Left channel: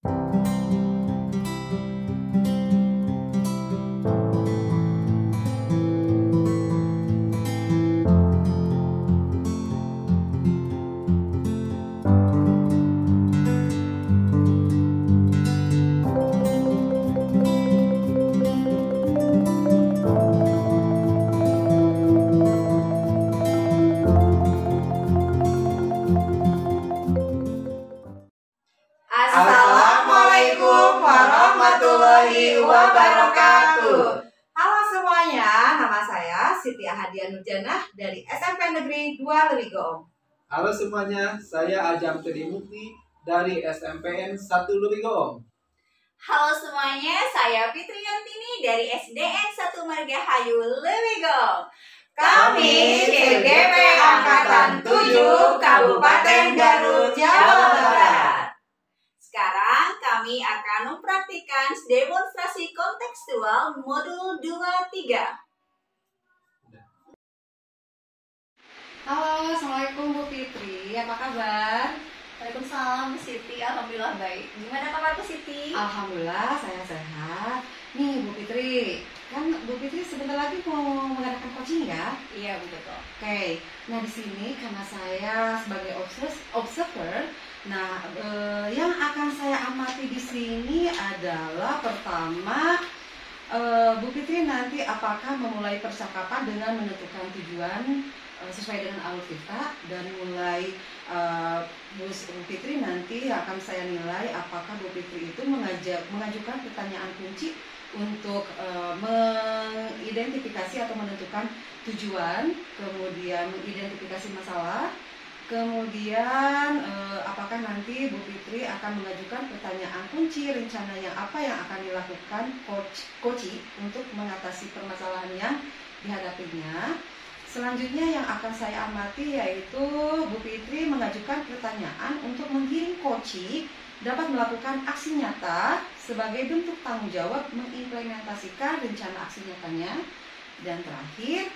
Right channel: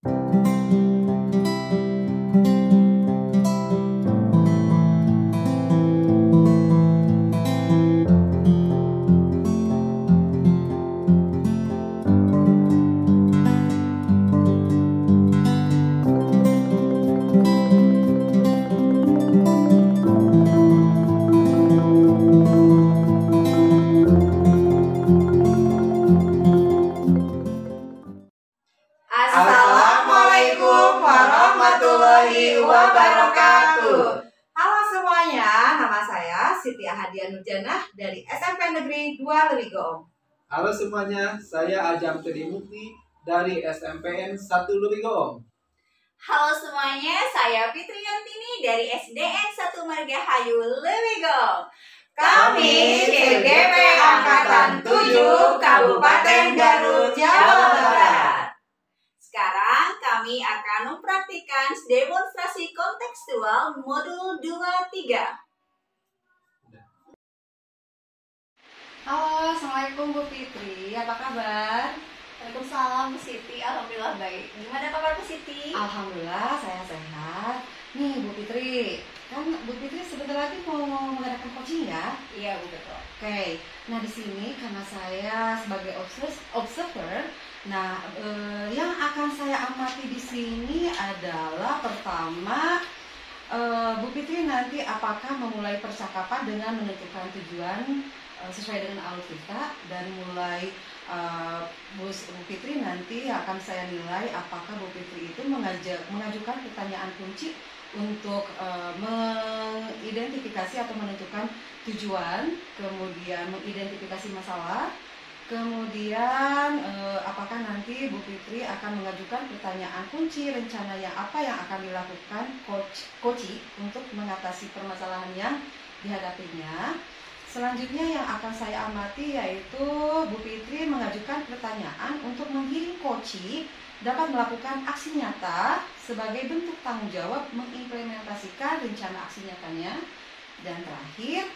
Assalamualaikum warahmatullahi wabarakatuh. Halo semuanya, nama saya Siti Ahadiah Nurjanah dari SMP Negeri 2 Lewigong. Halo semuanya, saya Ajam Trimukti dari SMPN 1 Lewigong. Halo semuanya, saya Fitri Yantini dari SDN 1 Margahayu Lewigong. Kami CGP Angkatan 7 Kabupaten Garut, Jawa Barat. Sekarang kami akan mempraktikkan demonstrasi kontekstual modul 2-3. Halo, Assalamualaikum Bu Fitri, apa kabar? Waalaikumsalam Bu Siti, alhamdulillah baik. Gimana kabar Bu Siti? Alhamdulillah saya sehat. Nih Bu Fitri, kan Bu Fitri sebentar lagi mau mengadakan coaching ya? Iya Bu, betul. Oke, nah di sini karena saya sebagai observer, nah yang akan saya amati di sini adalah pertama Bu Fitri nanti apakah memulai percakapan dengan menentukan tujuan sesuai dengan alur kita, dan mulai Bu Fitri nanti akan saya nilai apakah Bu Fitri itu mengajukan pertanyaan kunci untuk mengidentifikasi atau menentukan tujuan, kemudian mengidentifikasi masalah, kemudian apakah nanti Bu Fitri akan mengajukan pertanyaan kunci rencana apa yang akan dilakukan coach untuk mengatasi permasalahan yang dihadapinya. Selanjutnya yang akan saya amati yaitu Bu Fitri mengajukan pertanyaan untuk menggiring coach dapat melakukan aksi nyata sebagai bentuk tanggung jawab mengimplementasikan rencana aksi nyatanya. Dan terakhir,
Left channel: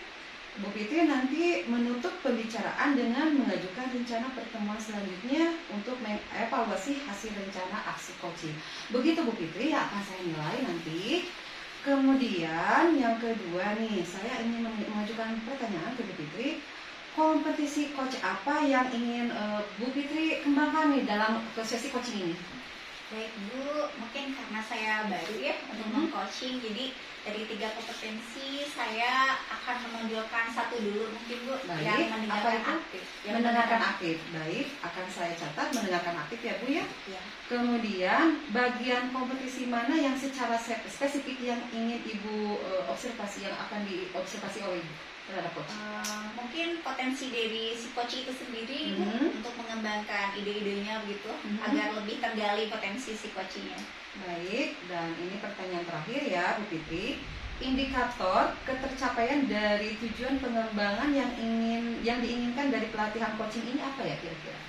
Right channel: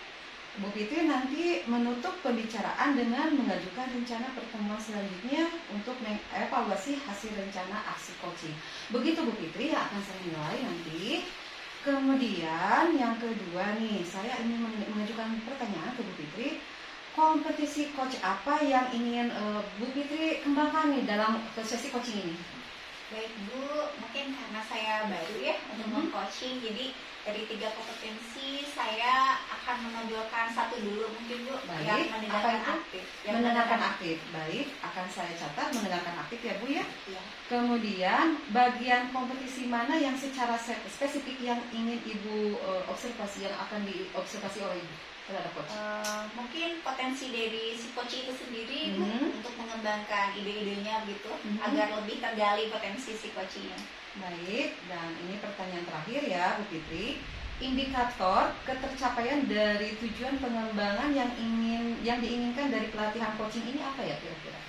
Bu Fitri nanti menutup pembicaraan dengan mengajukan rencana pertemuan selanjutnya untuk mengevaluasi hasil rencana aksi coaching. Begitu Bu Fitri yang akan saya nilai nanti. Kemudian yang kedua nih, saya ingin mengajukan pertanyaan ke Bu Fitri. Kompetisi coach apa yang ingin Bu Fitri kembangkan nih dalam sesi coaching ini? Baik Bu, mungkin karena saya baru ya untuk meng-coaching, jadi dari 3 kompetensi saya akan menonjolkan satu dulu mungkin Bu. Baik, yang mendengarkan aktif. Mendengarkan aktif, baik, akan saya catat mendengarkan aktif ya Bu ya. Ya. Kemudian bagian kompetisi mana yang secara spesifik yang ingin Ibu observasi, yang akan diobservasi oleh Ibu terhadap coach? Mungkin potensi dari si coach itu sendiri Bu, untuk mengembangkan ide-idenya begitu agar lebih tergali potensi si coachnya. Baik, dan ini pertanyaan terakhir ya Bu Fitri. Indikator ketercapaian dari tujuan pengembangan yang diinginkan dari pelatihan coaching ini apa ya kira-kira?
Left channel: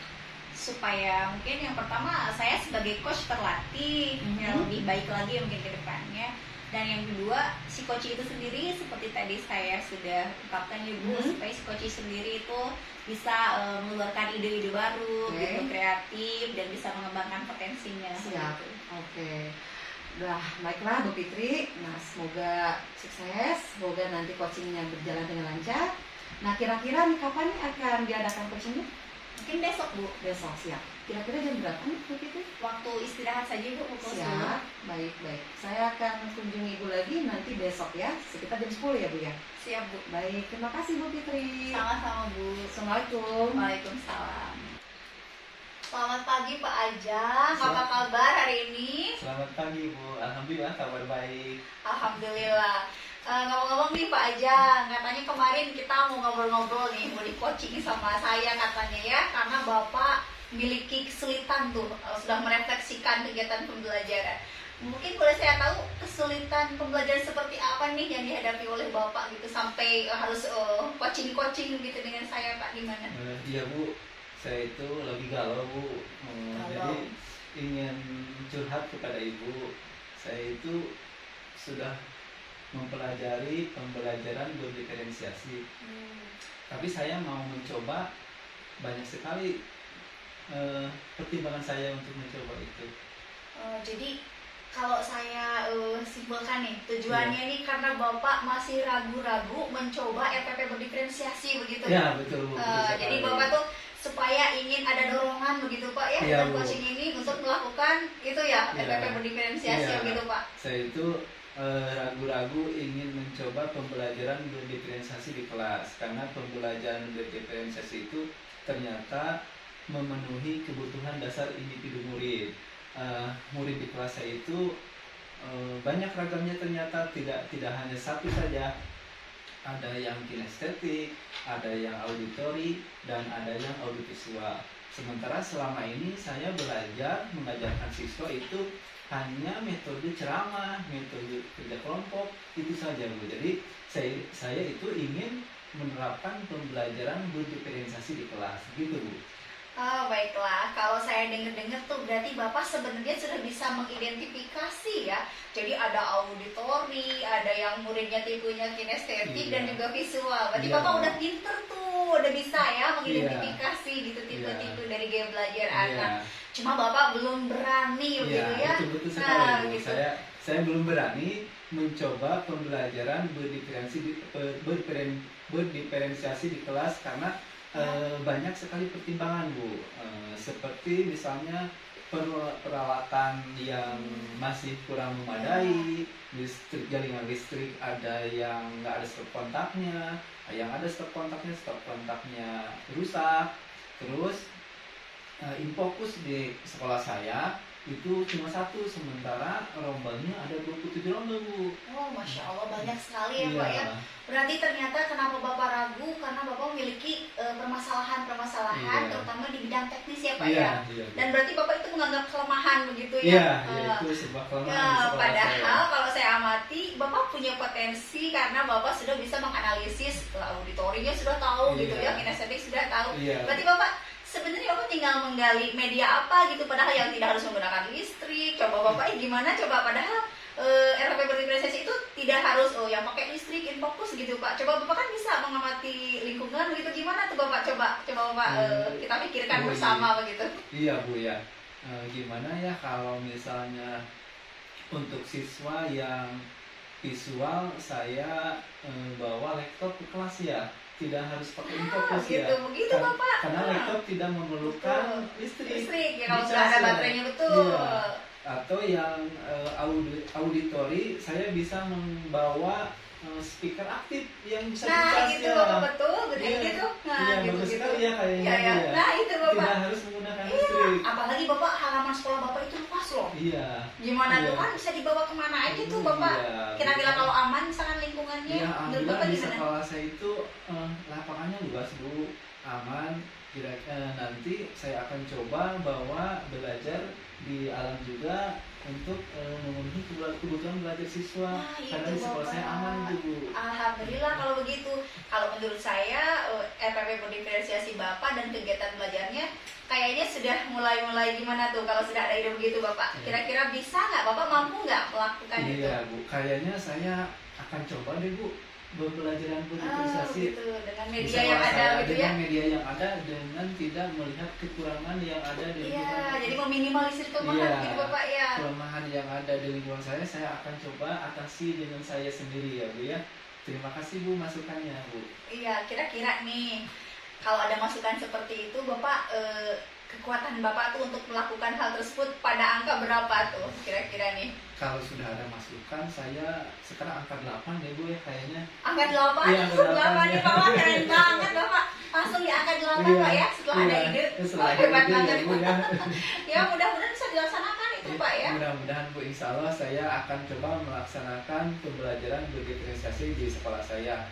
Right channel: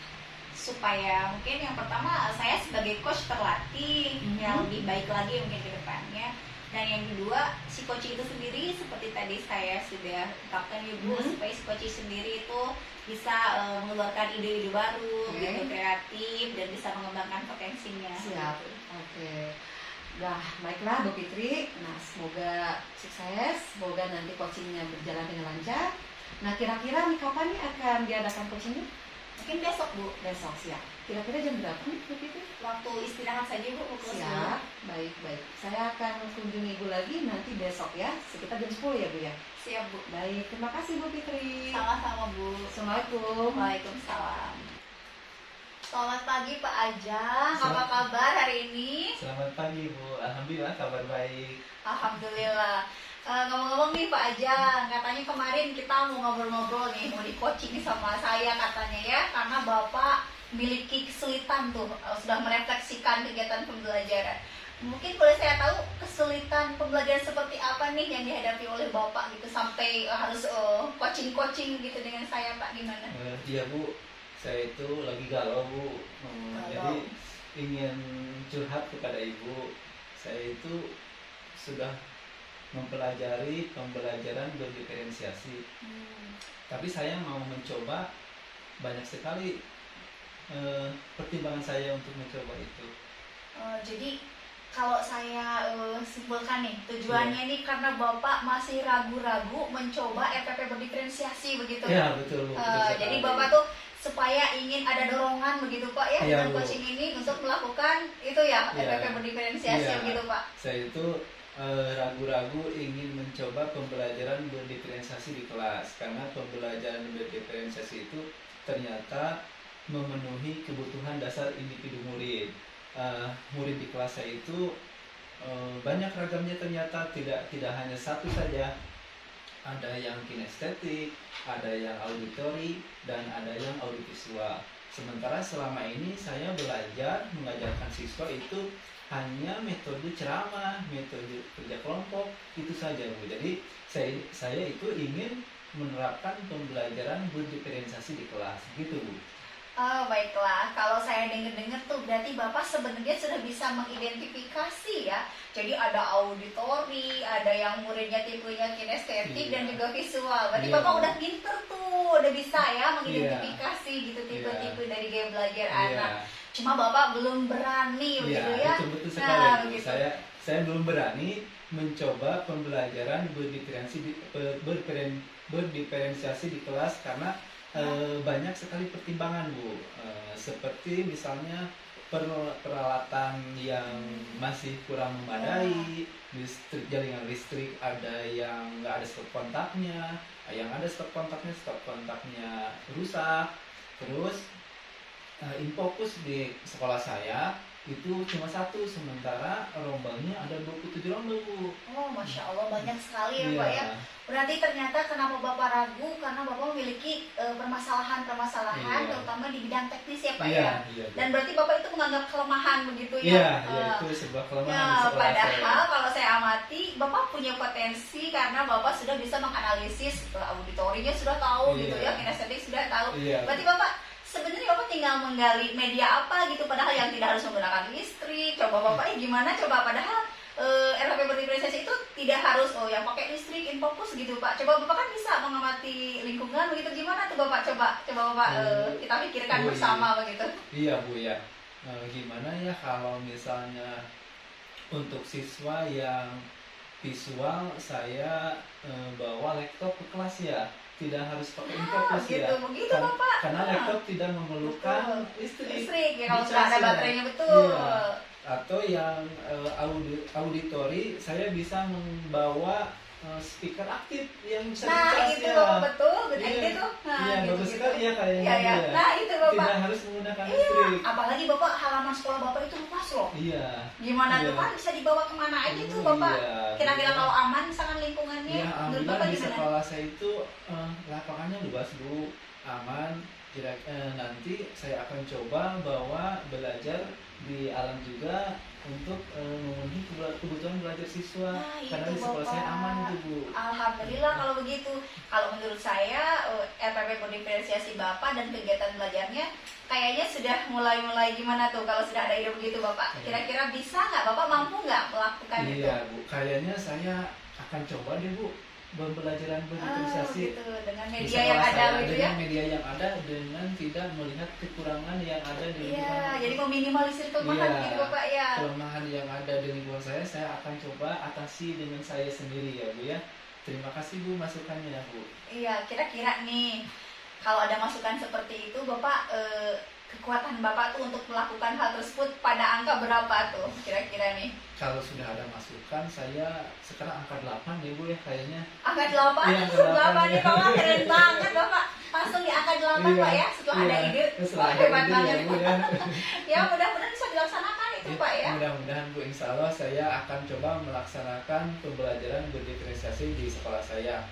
Supaya mungkin yang pertama saya sebagai coach terlatih yang lebih baik lagi mungkin ke depannya. Dan yang kedua, si coach itu sendiri seperti tadi saya sudah ungkapkan ya Bu, supaya si coach sendiri itu bisa mengeluarkan ide-ide baru, gitu, kreatif, dan bisa mengembangkan potensinya. Siap, oke. Nah, baiklah Bu Fitri. Nah, semoga sukses, semoga nanti coachingnya berjalan dengan lancar. Nah, kira-kira nih kapan nih akan diadakan coachingnya? Mungkin besok Bu. Besok, siap. Kira-kira jam berapa nih Bu Fitri? Waktu istirahat saja Bu, pukul 10. Siap, baik. Saya akan kunjungi Ibu lagi nanti besok ya, sekitar jam 10 ya Bu ya? Siap Bu. Baik, terima kasih Bu Fitri. Sama-sama Bu. Assalamualaikum. Waalaikumsalam. Selamat pagi Pak Ajang, apa kabar hari ini? Selamat pagi Bu, alhamdulillah kabar baik. Alhamdulillah. Ngomong-ngomong nih Pak Ajang, katanya kemarin kita mau ngobrol-ngobrol nih, mau di coaching sama saya katanya ya, karena Bapak memiliki kesulitan tuh, sudah merefleksikan kegiatan pembelajaran. Mungkin boleh saya tahu kesulitan pembelajaran seperti apa nih yang dihadapi oleh Bapak gitu, sampai harus coaching gitu dengan saya Pak, gimana? Iya Bu, saya itu lagi galau Bu, jadi ingin curhat kepada Ibu. Saya itu sudah mempelajari pembelajaran berdiferensiasi, tapi saya mau mencoba banyak sekali pertimbangan saya untuk mencoba itu. Jadi kalau saya simpulkan nih, tujuannya nih karena Bapak masih ragu-ragu mencoba RPP berdiferensiasi begitu. Ya, betul. Jadi Bapak tuh supaya ingin ada dorongan begitu Pak ya, dengan coaching ini untuk melakukan itu ya, RPP berdiferensiasi gitu Pak. Saya itu ragu-ragu ingin mencoba pembelajaran berdiferensiasi di kelas, karena pembelajaran berdiferensiasi itu ternyata memenuhi kebutuhan dasar individu murid. Murid di kelas saya itu banyak ragamnya, ternyata tidak hanya satu saja. Ada yang kinestetik, ada yang auditori, dan ada yang audiovisual. Sementara selama ini saya belajar mengajarkan siswa itu hanya metode ceramah, metode kerja kelompok, itu saja Bu. Jadi saya itu ingin menerapkan pembelajaran berdiferensiasi di kelas, gitu Bu. Oh, baiklah, kalau saya dengar-dengar tuh berarti Bapak sebenarnya sudah bisa mengidentifikasi ya. Jadi ada auditori, ada yang muridnya tipenya kinestetik dan juga visual. Berarti Bapak udah pinter tuh, udah bisa ya mengidentifikasi gitu tipe-tipe dari gaya belajar anak. Cuma Bapak belum berani begitu ya. Betul sekali. Gitu. Saya belum berani mencoba pembelajaran berdiferensiasi di kelas karena banyak sekali pertimbangan Bu, seperti misalnya peralatan yang masih kurang memadai, jaringan listrik ada yang nggak ada stop kontaknya, yang ada stop kontaknya rusak. Terus infokus di sekolah saya itu cuma satu, sementara rombanya ada 27 rombel Bu. Oh, Masya Allah, banyak sekali ya Pak ya. Berarti ternyata kenapa Bapak ragu, karena Bapak memiliki permasalahan-permasalahan terutama di bidang teknis ya Pak ya. Dan berarti Bapak itu menganggap kelemahan begitu ya. Itu sebuah kelemahan. Padahal kalau saya amati Bapak punya potensi karena Bapak sudah bisa menganalisis auditorinya, sudah tahu gitu ya, kinestetik sudah tahu. Berarti Bapak sebenarnya Bapak tinggal menggali media apa gitu, padahal yang tidak harus menggunakan listrik. Coba Bapak padahal RPP berdiferensiasi itu tidak harus yang pakai listrik, infokus gitu Pak. Coba Bapak kan bisa mengamati lingkungan begitu, gimana tuh Bapak? Coba Bapak kita pikirkan bersama begitu. Iya Bu ya. Gimana ya kalau misalnya untuk siswa yang visual, saya bawa laptop ke kelas ya. Tidak harus pakai infokus ya. Begitu Bapak. Karena laptop tidak memerlukan listrik. Ya, kalau sudah ada baterainya betul. Atau yang auditori, saya bisa membawa speaker aktif yang bisa itu Bapak betul, itu tuh. Bagus sekali ya kayaknya. Nah, itu Bapak. Tidak harus menggunakan listrik. Apalagi Bapak halaman sekolah Bapak itu luas loh. Gimana tuh kan bisa dibawa kemana aja tuh Bapak. Kira-kira kalau aman misalkan lingkungannya. Menurut Bapak di sekolah saya itu lapangannya luas Bu, aman. Nanti saya akan coba bawa belajar di alam juga untuk memenuhi kebutuhan belajar siswa. Karena di sekolah saya aman Bu. Alhamdulillah kalau begitu. Kalau menurut saya RPP berdiferensiasi Bapak dan kegiatan belajarnya kayaknya sudah mulai gimana tuh kalau sudah ada ide begitu Bapak. Kira-kira bisa nggak, Bapak mampu nggak melakukan itu? Iya Bu, kayaknya saya akan coba deh Bu pembelajaran berdiferensiasi dengan media yang ada gitu ya. Dengan media yang ada, dengan tidak melihat kekurangan yang ada di lingkungan. Jadi meminimalisir kelemahan gitu Bapak ya. Kelemahan yang ada di lingkungan saya akan coba atasi dengan saya sendiri ya Bu ya. Terima kasih Bu masukannya Bu. Iya, kira-kira nih kalau ada masukan seperti itu Bapak, kekuatan Bapak tuh untuk melakukan hal tersebut pada angka berapa tuh kira-kira nih? Kalau sudah ada masukan, saya sekarang angka 8 ya Bu ya kayaknya. Angka 8? Iya, 8 nih Bapak, keren banget Bapak. Langsung di angka 8 Pak ya, setelah ada ide. Hebat banget ya, mudah-mudahan bisa dilaksanakan itu Pak ya. Mudah-mudahan Bu, insya Allah saya akan coba melaksanakan pembelajaran berdiferensiasi di sekolah saya.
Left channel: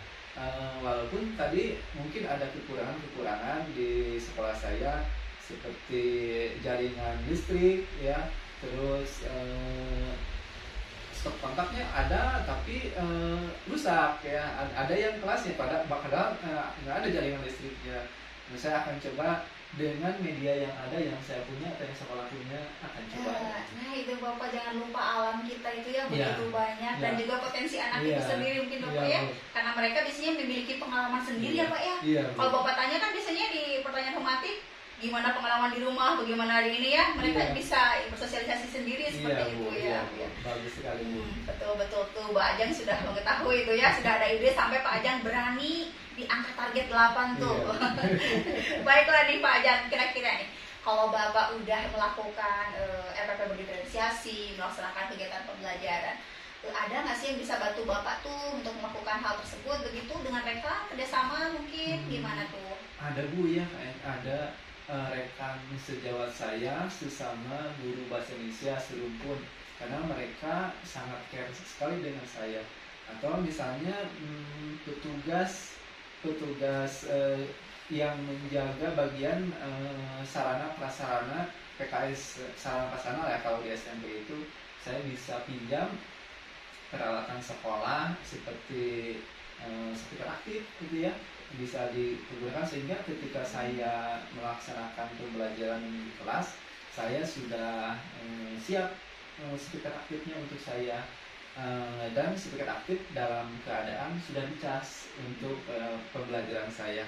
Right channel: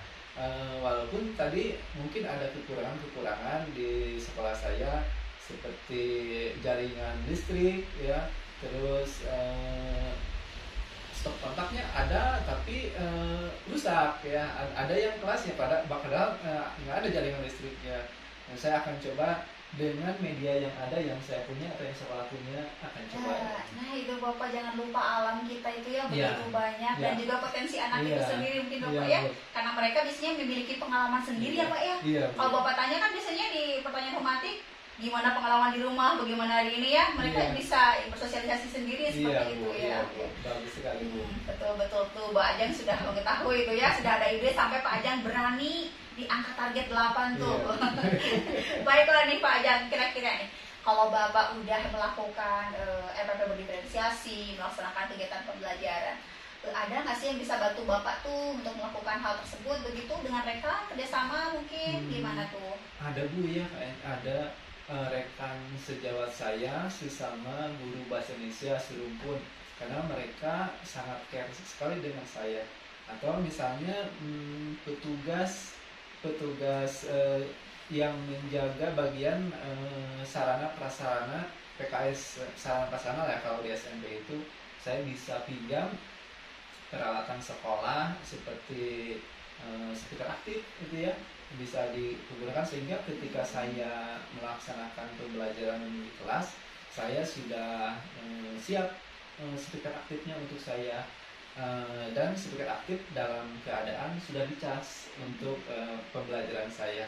Walaupun tadi mungkin ada kekurangan di sekolah saya, seperti jaringan listrik ya, terus stop kontaknya ada tapi rusak ya. Ada yang kelasnya padahal nggak ada jaringan listriknya. Saya akan coba dengan media yang ada, yang saya punya atau yang sekolah punya, akan coba. Nah itu Bapak jangan lupa alam kita itu ya begitu banyak dan juga potensi anak itu sendiri mungkin Bapak ya. Karena mereka biasanya memiliki pengalaman sendiri ya Pak ya. Kalau Bapak tanya kan biasanya di pertanyaan formatif gimana pengalaman di rumah, bagaimana hari ini ya, mereka Iya. bisa bersosialisasi sendiri seperti itu ya. Bu. Bagus sekali Bu. Betul tuh Mbak Ajeng sudah mengetahui itu ya, sudah ada ide sampai Pak Ajeng berani di angka target 8 tuh. Iya. Baiklah nih Pak Ajeng, kira-kira nih kalau Bapak udah melakukan RPP berdiferensiasi, melaksanakan kegiatan pembelajaran, ada nggak sih yang bisa bantu Bapak tuh untuk melakukan hal tersebut begitu dengan rekan kerjasama mungkin gimana tuh? Ada Bu ya, ada rekan sejawat saya sesama guru bahasa Indonesia serumpun, karena mereka sangat care sekali dengan saya. Atau misalnya petugas yang menjaga bagian sarana prasarana PKS, sarana prasarana ya kalau di SMP itu, saya bisa pinjam peralatan sekolah seperti speaker aktif gitu ya, bisa digunakan sehingga ketika saya melaksanakan pembelajaran di kelas, saya sudah siap speaker aktifnya untuk saya, dan speaker aktif dalam keadaan sudah dicas untuk pembelajaran saya.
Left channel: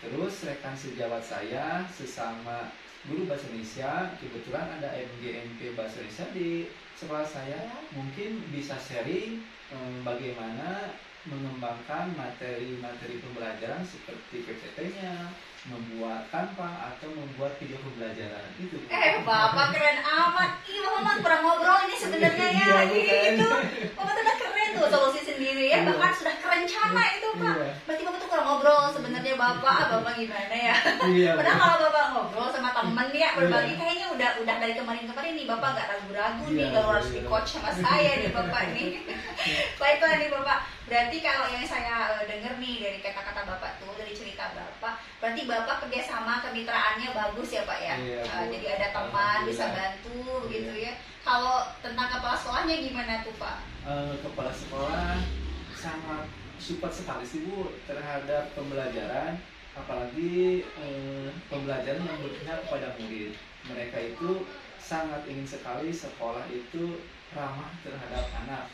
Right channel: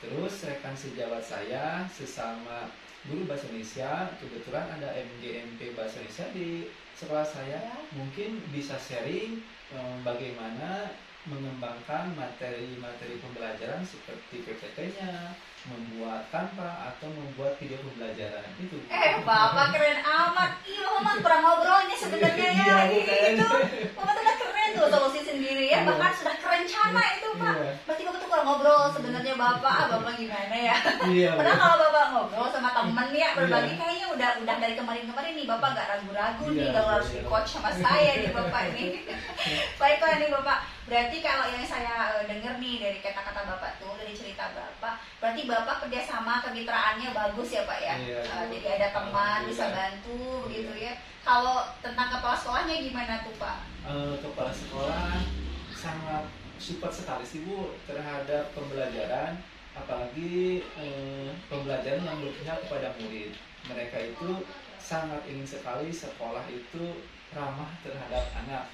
Terus rekan sejawat saya sesama guru bahasa Indonesia, kebetulan ada MGMP bahasa Indonesia di sekolah saya, mungkin bisa sharing bagaimana mengembangkan materi-materi pembelajaran seperti PPT-nya, membuat tanpa atau membuat video pembelajaran itu. Bapak keren amat. Ih, Bapak kurang ngobrol ini sebenarnya ya. Gitu. Bapak tuh udah keren tuh solusi sendiri ya. Bahkan sudah kerencana itu Pak. Berarti Bapak tuh kurang ngobrol sebenarnya Bapak. Bapak gimana ya? Padahal kalau Bapak ngobrol sama temen ya berbagi kayaknya udah dari kemarin-kemarin nih Bapak nggak ragu-ragu nih kalau harus di coach sama saya nih Bapak nih. Baiklah nih Bapak. Berarti kalau yang saya dengar nih dari kata-kata Bapak tuh, dari cerita Bapak, berarti Bapak kerjasama kemitraannya bagus ya Pak ya. Jadi ada teman bisa bantu begitu ya. Kalau tentang kepala sekolahnya gimana tuh Pak? Kepala sekolah sangat support sekali sih Bu terhadap pembelajaran, apalagi pembelajaran yang berpihak kepada murid. Mereka itu sangat ingin sekali sekolah itu ramah terhadap anak,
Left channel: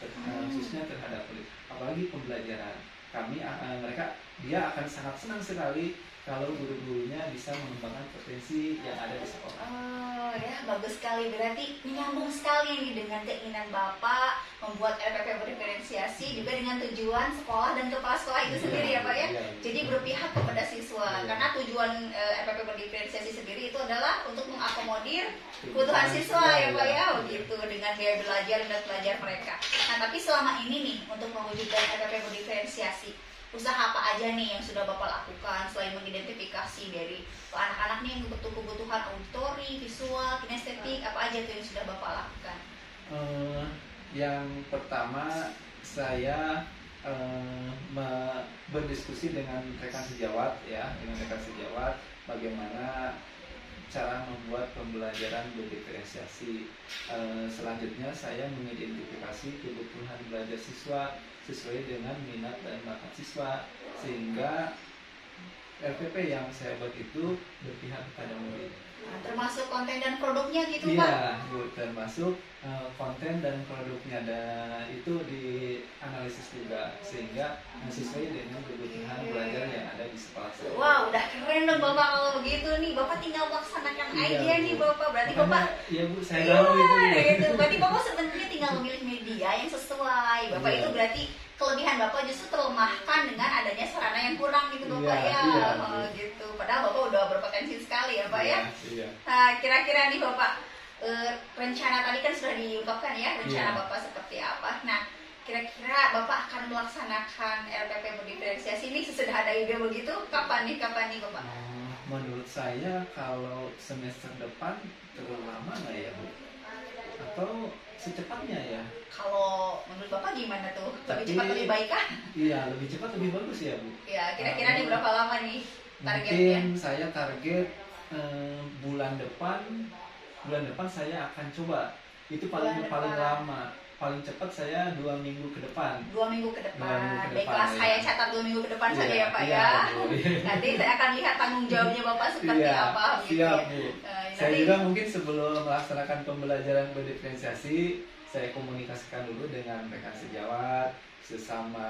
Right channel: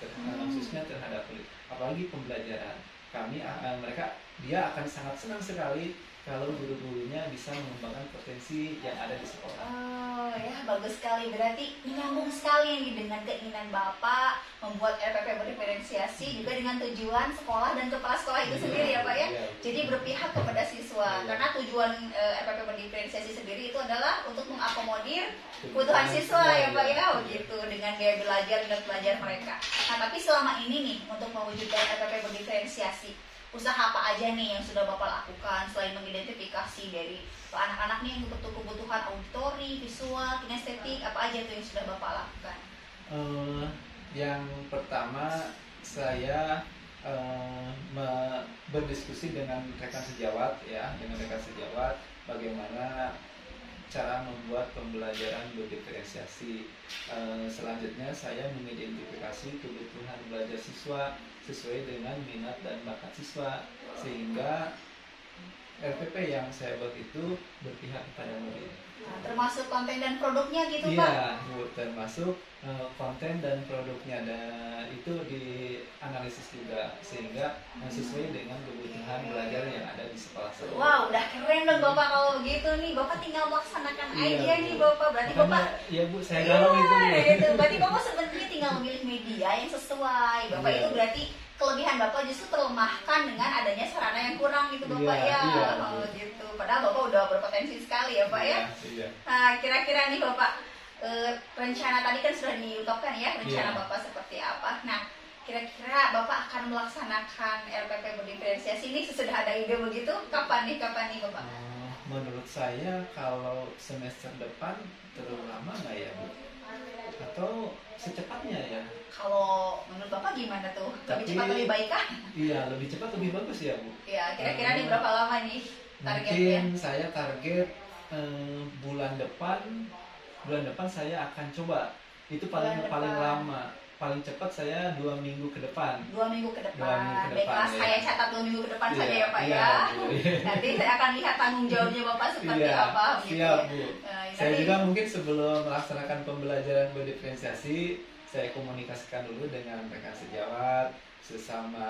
khususnya terhadap murid, apalagi pembelajaran. Dia akan sangat senang sekali kalau guru-gurunya bisa mengembangkan potensi yang ada di sekolah. Oh ya, bagus sekali. Berarti menyambung sekali ini dengan keinginan Bapak membuat RPP berdiferensiasi juga dengan tujuan sekolah dan kepala sekolah itu sendiri ya Pak ya. Jadi berpihak kepada siswa. Karena tujuan RPP berdiferensiasi sendiri itu adalah untuk mengakomodir kebutuhan siswa ya Pak ya, begitu dengan gaya belajar dan belajar mereka. Nah, tapi selama ini nih untuk mewujudkan RPP berdiferensiasi, usaha apa aja nih yang sudah Bapak lakukan selain mengidentifikasi dari anak-anak nih yang kebutuhan auditori, visual, kinestetik, apa aja tuh yang sudah Bapak lakukan? Yang pertama saya berdiskusi dengan rekan sejawat ya, bagaimana cara membuat pembelajaran berdiferensiasi. Selanjutnya saya mengidentifikasi kebutuhan belajar siswa sesuai dengan minat dan bakat siswa, sehingga RPP yang saya buat itu berpihak kepada murid. Nah, termasuk konten dan produknya gitu Pak? Iya, Bu, termasuk konten dan produknya, dan itu dianalisis juga sehingga sesuai dengan kebutuhan belajar yang ada di sekolah saya. Wah, udah keren dong Bapak kalau begitu nih. Bapak tinggal melaksanakan aja nih Bapak. Berarti Bapak iya Bu, saya tahu gitu. Berarti Bapak sebenarnya tinggal memilih media yang sesuai. Bapak itu berarti kelebihan Bapak justru terlemahkan dengan adanya sarana yang kurang gitu Bapak ya. Gitu. Padahal Bapak udah berpotensi sekali ya Pak ya. Nah, kira-kira nih Bapak, rencana tadi kan sudah diungkapkan ya, rencana Bapak seperti apa. Nah, kira-kira Bapak akan melaksanakan RPP berdiferensiasi ini sesudah ada ide begitu, kapan nih Bapak? Menurut saya kalau semester depan terlalu lama nggak ya Bu? Atau secepatnya ya? Kalau menurut Bapak gimana tuh? Lebih cepat lebih baik kan? Iya, lebih cepat lebih bagus ya Bu. Ya, kira-kira nih berapa lama nih targetnya? Mungkin saya target bulan depan saya akan coba. Itu paling lama. Paling cepat saya 2 minggu ke depan. 2 minggu ke depan. Baiklah, saya catat 2 minggu ke depan saja ya Pak ya. Nanti saya akan lihat tanggung jawabnya Bapak seperti apa. Siap Bu. Saya juga mungkin sebelum melaksanakan pembelajaran berdiferensiasi, saya komunikasikan dulu dengan rekan sejawat, sesama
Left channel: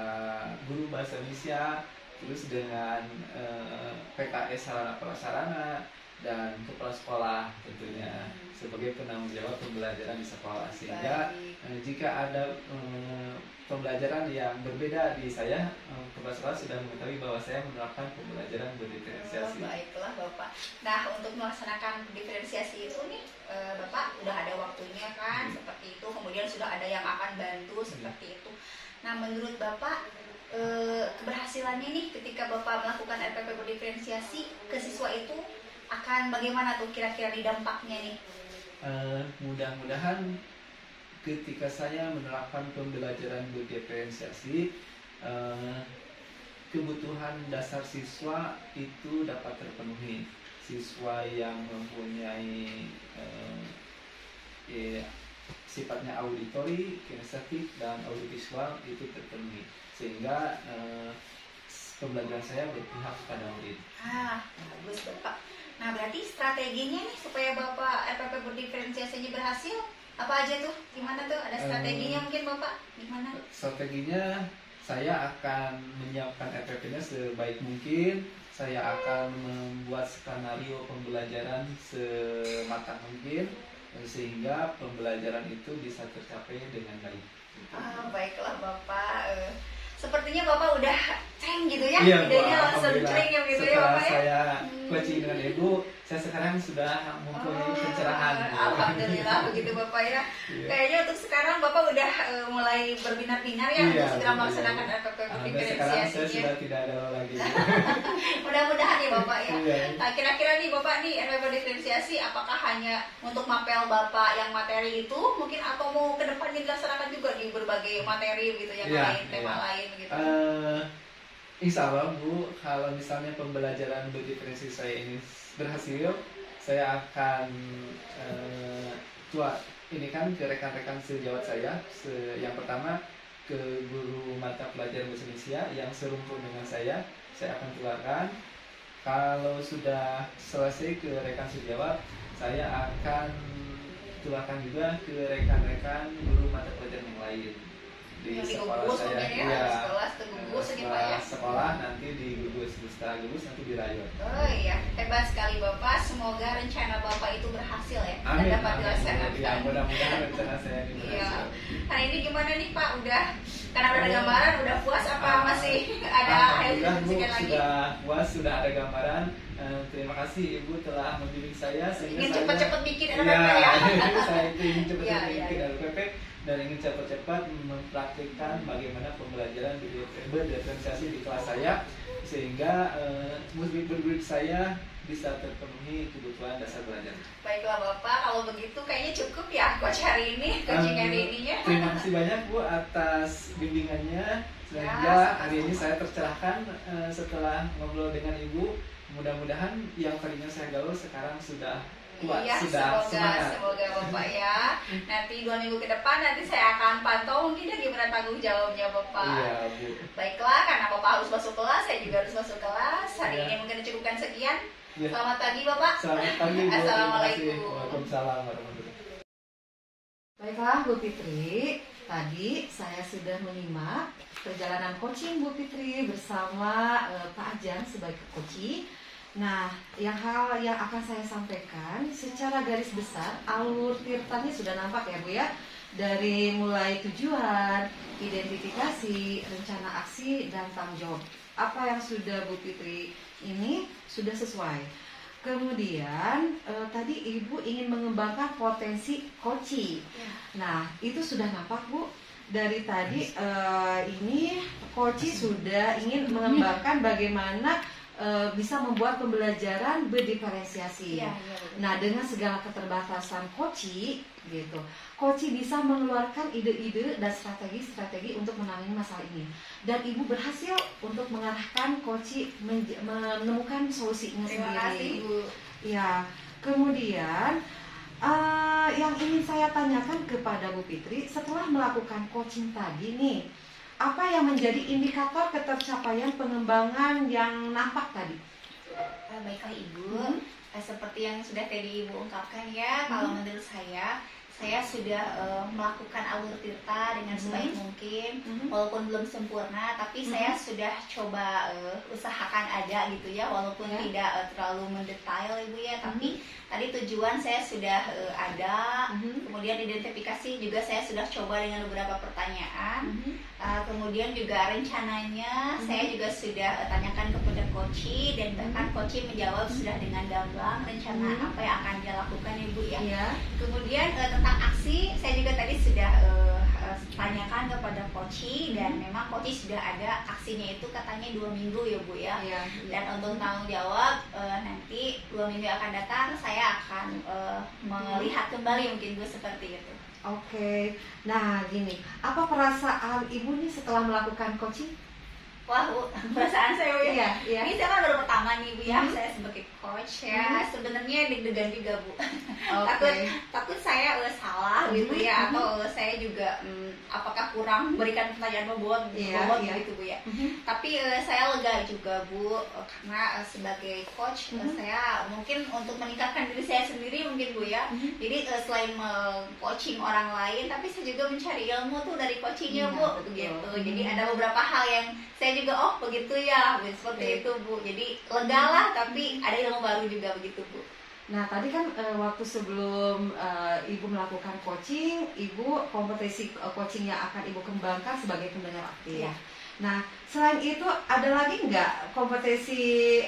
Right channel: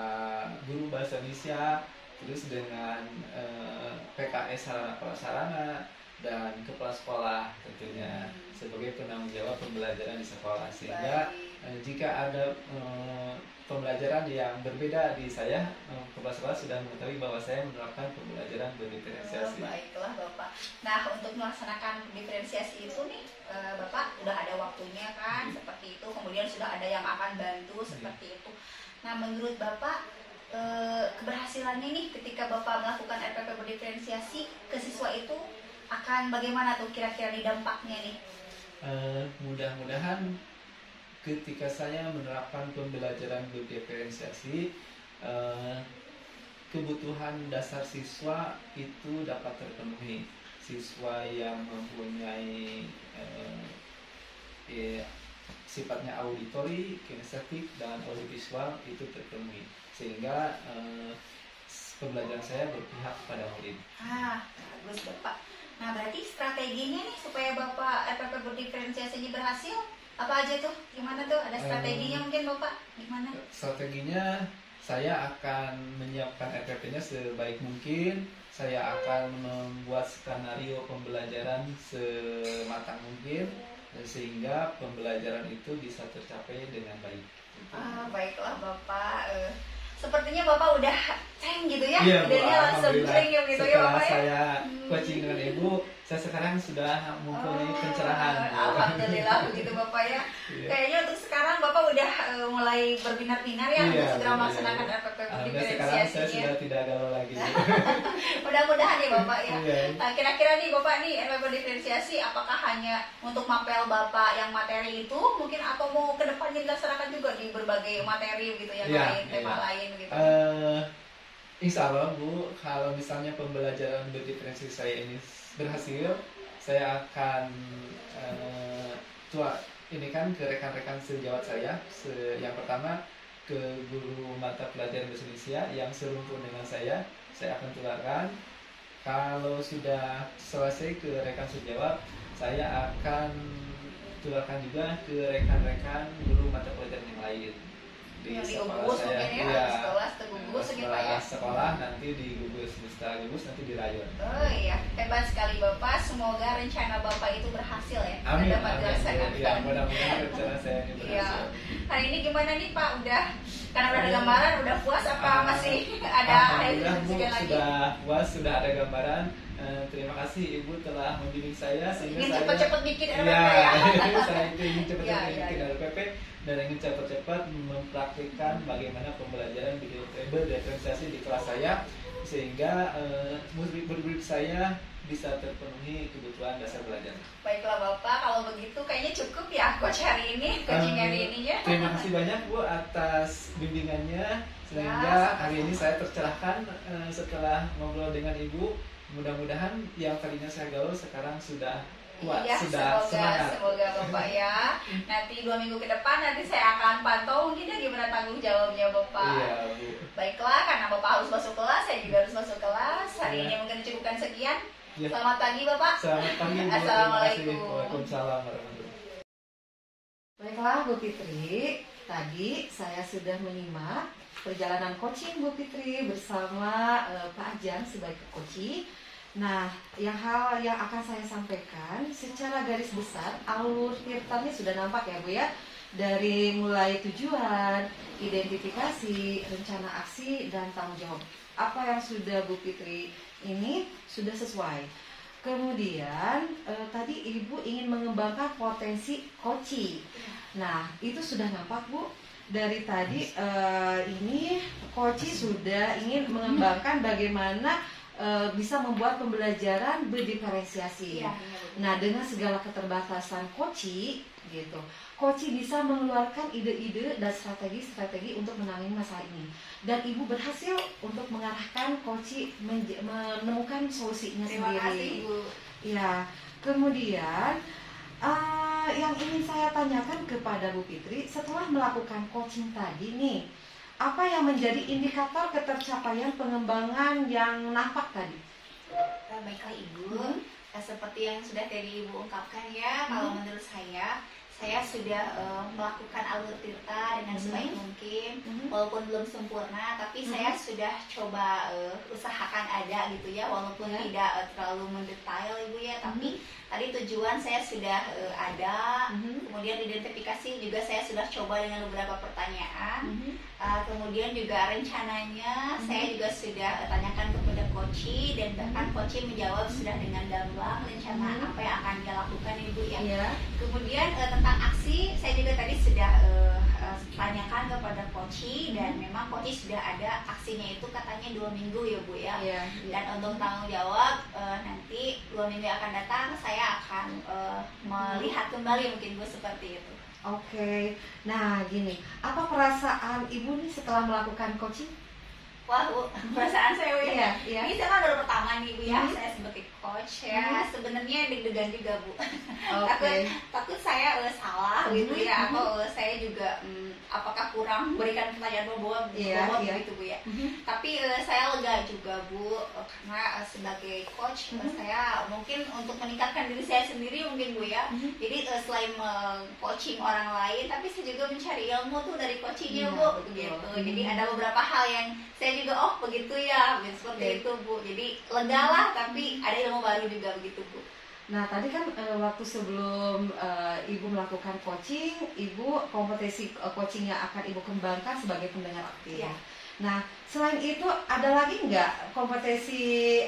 guru bahasa Indonesia, terus dengan PKS sarana prasarana, dan kepala sekolah tentunya sebagai penanggung jawab pembelajaran di sekolah, sehingga jika ada pembelajaran yang berbeda di saya, kepala sekolah sudah mengetahui bahwa saya menerapkan pembelajaran berdiferensiasi. Baiklah Bapak. Nah, untuk melaksanakan diferensiasi itu nih Bapak udah ada waktunya kan, seperti itu, kemudian sudah ada yang akan bantu seperti itu. Nah, menurut Bapak keberhasilannya nih ketika Bapak melakukan RPP berdiferensiasi ke siswa itu akan bagaimana tuh kira-kira di dampaknya nih? Mudah-mudahan ketika saya menerapkan pembelajaran berdiferensiasi, kebutuhan dasar siswa itu dapat terpenuhi. Siswa yang mempunyai sifatnya auditori, kinestetik, dan audiovisual itu terpenuhi, sehingga pembelajaran saya berpihak pada murid. Bagus Bapak. Nah, berarti strateginya nih supaya Bapak RPP berdiferensiasinya berhasil apa aja tuh? Gimana tuh? Ada strateginya mungkin Bapak? Gimana? Strateginya saya akan menyiapkan RPP-nya sebaik mungkin. Saya akan membuat skenario pembelajaran sematang mungkin, sehingga pembelajaran itu bisa tercapai dengan baik. Baiklah Bapak. Sepertinya Bapak udah ceng gitu ya, iya, idenya langsung ceng ya gitu ya Bapak ya. Saya coaching dengan Ibu, saya sekarang sudah mempunyai pencerahan. Alhamdulillah begitu Bapak ya. Kayaknya untuk sekarang Bapak udah mulai berbinar-binar ya untuk segera melaksanakan RPP diferensiasinya. Sekarang saya sudah tidak galau lagi. Mudah-mudahan nih Bapak ya. Nah, kira-kira nih Bapak nih RPP diferensiasi apakah hanya untuk mapel Bapak yang materi itu mungkin, atau mau ke depannya dilaksanakan juga di berbagai materi gitu yang lain, tema lain gitu? Insya Allah Bu, kalau misalnya pembelajaran berdiferensiasi saya ini berhasil, saya akan ini kan ke rekan-rekan sejawat saya. Yang pertama ke guru mata pelajaran bahasa Indonesia yang serumpun dengan saya akan tularkan. Kalau sudah selesai ke rekan sejawat, saya akan tularkan juga ke rekan-rekan guru mata pelajaran yang lain. Di sekolah saya, sekolah nanti di gugus, setelah gugus nanti di rayon. Oh iya, hebat sekali Bapak. Semoga rencana Bapak itu berhasil ya. Amin. Dapat dilaksanakan. Ya, mudah-mudahan rencana saya ini berhasil. Hari ini gimana nih Pak? Udah, karena udah ada gambaran, udah puas apa masih ada lagi? Sudah puas, sudah ada gambaran. Terima kasih Ibu telah membimbing saya sehingga ingin cepat-cepat bikin RPP ya. Saya ingin cepat-cepat bikin RPP dan ingin cepat-cepat mempraktikkan bagaimana pembelajaran berdiferensiasi di kelas saya, sehingga murid-murid saya bisa terpenuhi kebutuhan dasar belajar. Baiklah Bapak, kalau begitu kayaknya cukup ya coach hari ini, coaching hari ini ya. Terima kasih banyak Bu atas bimbingannya, sehingga hari ini saya tercerahkan setelah ngobrol dengan Ibu. Mudah-mudahan yang tadinya saya galau sekarang sudah kuat, sudah semangat. Semoga Bapak ya. Nanti 2 minggu ke depan nanti saya akan pantau mungkin ya gimana tanggung jawabnya Bapak. Iya Bu. Baiklah, karena Bapak harus masuk kelas, saya juga harus masuk kelas. Hari ini mungkin cukupkan sekian. Ya. Selamat pagi Bapak. Selamat pagi Bu. Assalamualaikum. Waalaikumsalam warahmatullahi. Baiklah Bu Fitri, tadi saya sudah menyimak perjalanan coaching Bu Fitri bersama Pak Ajan sebagai coaching. Nah, hal yang akan saya sampaikan secara garis besar, alur tirtanya sudah nampak ya Bu ya. Dari mulai tujuan, identifikasi, rencana aksi, dan tanggung jawab. Apa yang sudah Bu Fitri ini sudah sesuai. Kemudian tadi Ibu ingin mengembangkan potensi coaching. Nah, itu sudah nampak Bu. Dari tadi ini coaching sudah ingin mengembangkan bagaimana bisa membuat pembelajaran berdiferensiasi. Nah, dengan segala keterbatasan Koci, gitu, Koci bisa mengeluarkan ide-ide dan strategi-strategi untuk menangani masalah ini. Dan Ibu berhasil untuk mengarahkan Koci menemukan solusinya sendiri. Terima kasih, Ibu. Ya, kemudian yang ingin saya tanyakan kepada Bu Fitri, setelah melakukan coaching tadi nih, apa yang menjadi indikator ketercapaian pengembangan yang nampak tadi? Baiklah Ibu, seperti yang sudah tadi Ibu ungkapkan ya, kalau menurut saya saya sudah melakukan alur tirta dengan sebaik mungkin, walaupun belum sempurna, tapi saya sudah coba usahakan ada gitu ya, walaupun tidak terlalu mendetail Ibu ya, tapi tadi tujuan saya sudah ada, kemudian identifikasi juga saya sudah coba dengan beberapa pertanyaan, kemudian juga rencananya saya juga sudah tanyakan kepada coach, dan bahkan coach menjawab sudah dengan gamblang rencana apa yang akan dia lakukan Ibu ya. Kemudian tentang aksi saya juga tadi sudah tanyakan kepada coach, dan memang coach sudah ada aksinya itu katanya 2 minggu ya Bu ya. Dan untuk tanggung jawab nanti 2 minggu akan datang saya akan melihat kembali mungkin Bu seperti itu. Oke. Nah gini, apa perasaan Ibu nih setelah melakukan coaching? Wah Bu, perasaan saya Bu ya. Iya. Ini saya kan baru pertama nih Bu ya, saya sebagai coach ya. Sebenarnya deg-degan juga Bu. Takut saya salah gitu ya, atau saya juga apakah kurang berikan pertanyaan bobot gitu Bu ya. Tapi saya lega juga Bu, karena sebagai coach saya mungkin untuk meningkatkan diri saya sendiri mungkin Bu ya. Jadi selain coaching orang lain, tapi saya juga mencari ilmu tuh dari coachingnya Bu gitu. Jadi ada beberapa hal yang saya juga begitu ya, seperti itu Bu. Jadi lega lah, tapi ada ilmu baru juga begitu Bu. Nah tadi kan waktu sebelum Ibu melakukan coaching, Ibu kompetisi coaching yang akan Ibu kembangkan sebagai pendengar aktif. Nah selain itu ada lagi nggak kompetisi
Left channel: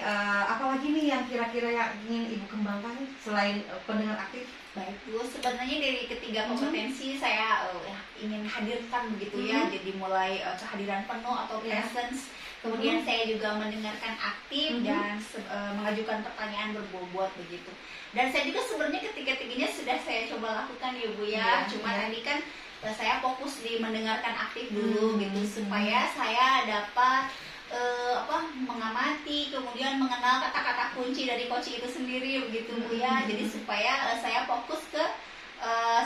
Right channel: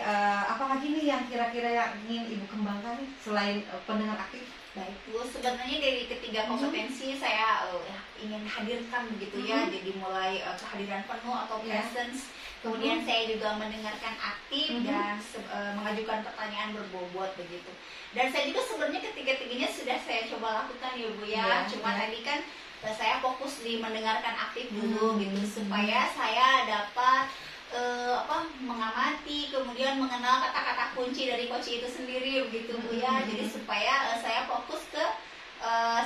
apa lagi nih yang kira-kira yang ingin Ibu kembangkan selain pendengar aktif? Baik Bu, sebenarnya dari ketiga kompetensi saya ingin hadirkan begitu ya. Jadi mulai kehadiran penuh atau presence, kemudian saya juga mendengarkan aktif dan mengajukan pertanyaan berbobot begitu. Dan saya juga sebenarnya ketiga-tiganya sudah saya coba lakukan ya Bu ya. Cuma tadi kan saya fokus di mendengarkan aktif dulu gitu, supaya saya dapat mengamati, kemudian mengenal kata-kata kunci dari coaching itu sendiri begitu Bu ya. Jadi supaya saya fokus ke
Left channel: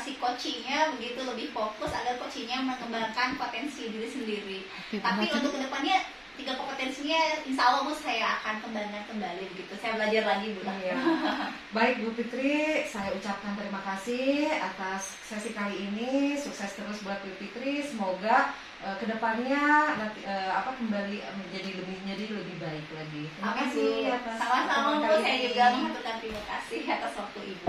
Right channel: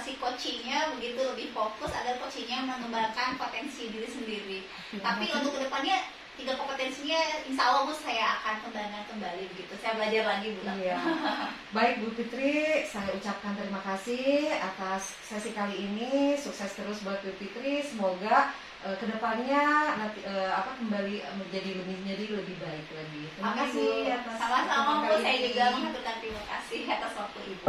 si coachingnya begitu, lebih fokus agar coachingnya mengembangkan potensi diri sendiri. Tapi untuk kedepannya 3 kompetensinya insya Allah Bu saya akan kembangkan kembali begitu. Saya belajar lagi Bu. Baik Bu Fitri, saya ucapkan terima kasih atas sesi kali ini. Sukses terus buat Bu Fitri. Semoga kedepannya nanti kembali menjadi lebih baik lagi. Terima kasih atas sama-sama Bu. Saya juga mengaturkan terima kasih atas waktu Ibu.